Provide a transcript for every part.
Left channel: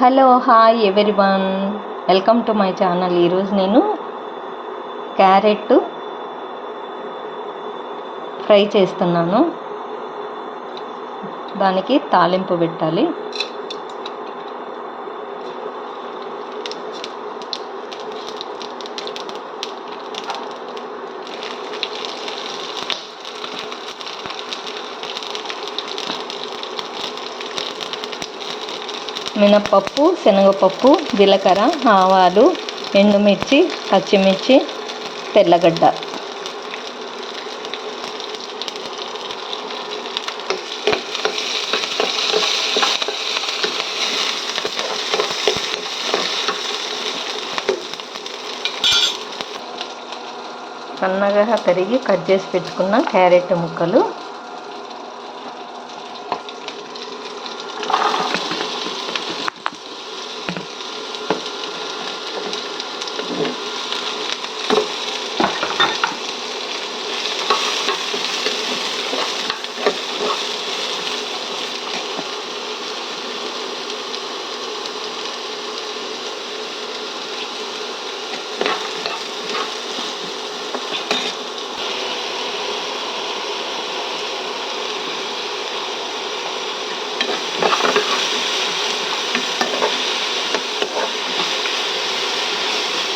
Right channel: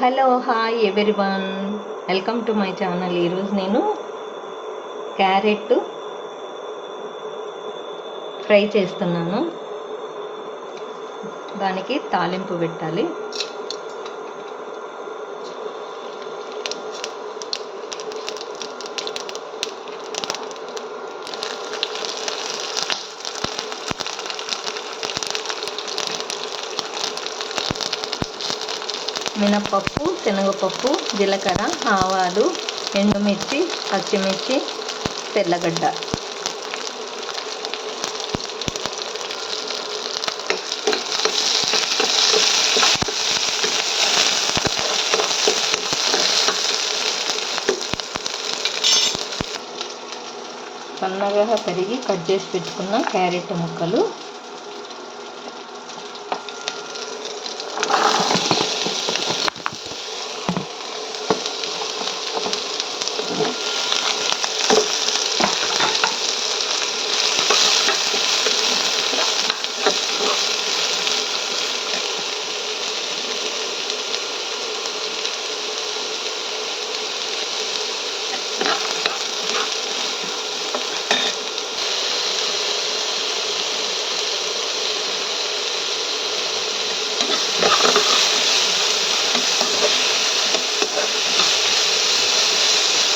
Hello hi one welcome to my channel. ఈరోజు నేను carrot fry చేస్తున్నాను. దానికి తాలింపు పెట్టాలి. మినప్పప్పు శనగపప్పు జీలకర్ర ఆవాలు ఎండుమిర్చి పచ్చిమిర్చి తెల్లగడ్డ. సన్నగా తరిగి కట్ చేసి పెట్టుకున్న క్యారెట్ ముక్కలు.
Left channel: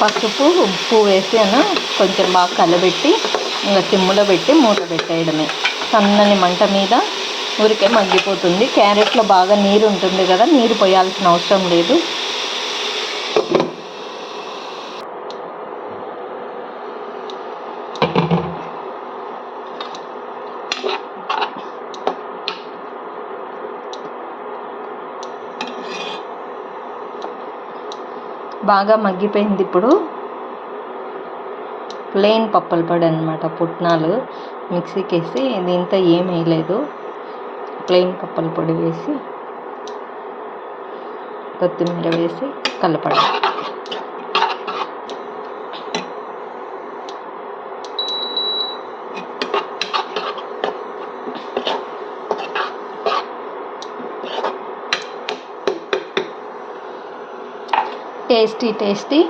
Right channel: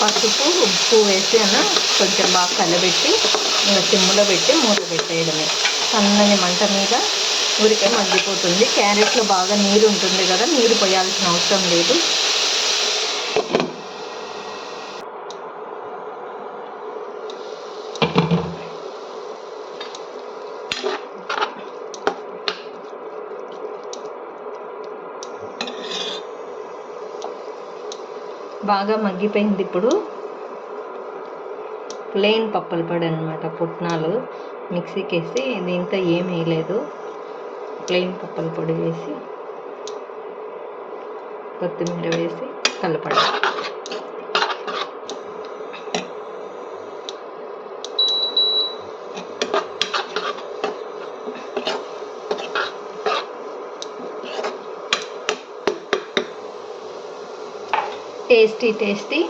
పసుపు ఉప్పు వేసి కొంచెం బాగా కలబెట్టి ఇంకా సిమ్లో పెట్టి మూత పెట్టేయడమే. సన్నని మంట మీద ఊరికే మగ్గిపోతుంది. క్యారెట్లో బాగా నీరు ఉంటుంది కదా నీరు పోయాల్సిన అవసరం లేదు. బాగా మగ్గిపోయింది ఇప్పుడు. ప్లెయిన్ పప్పల పొడి అనమాట పుట్నాలు మిక్సీకి వేసి దీంతో ఏం వేయలేదు. ప్లెయిన్ పప్పల పొడి వేసి కొత్తిమీర వేసి కలపడం. Tasty tasty.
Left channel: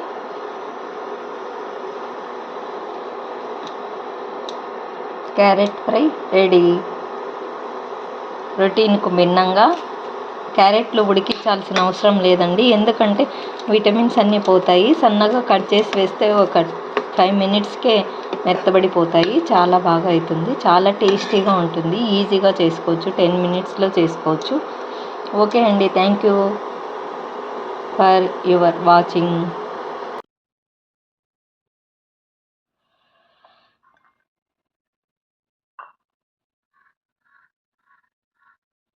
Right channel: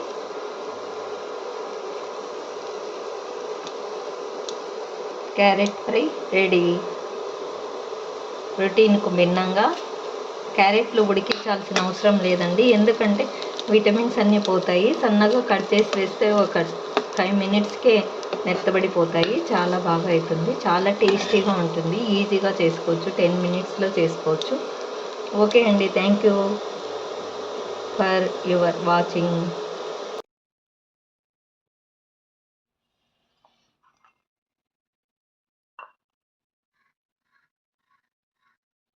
Carrot fry ready. రొటీన్కు భిన్నంగా క్యారెట్లు ఉడికించాల్సిన అవసరం లేదండి. ఎందుకంటే విటమిన్స్ అన్నీ పోతాయి. సన్నగా కట్ చేసి వేస్తే ఒక ఫైవ్ మినిట్స్కే మెత్తబడిపోతాయి. చాలా బాగా అవుతుంది చాలా టేస్టీగా ఉంటుంది. ఈజీగా చేసుకోవచ్చు. టెన్ మినిట్స్లో చేసుకోవచ్చు. ఓకే అండి. Thank you. For your watching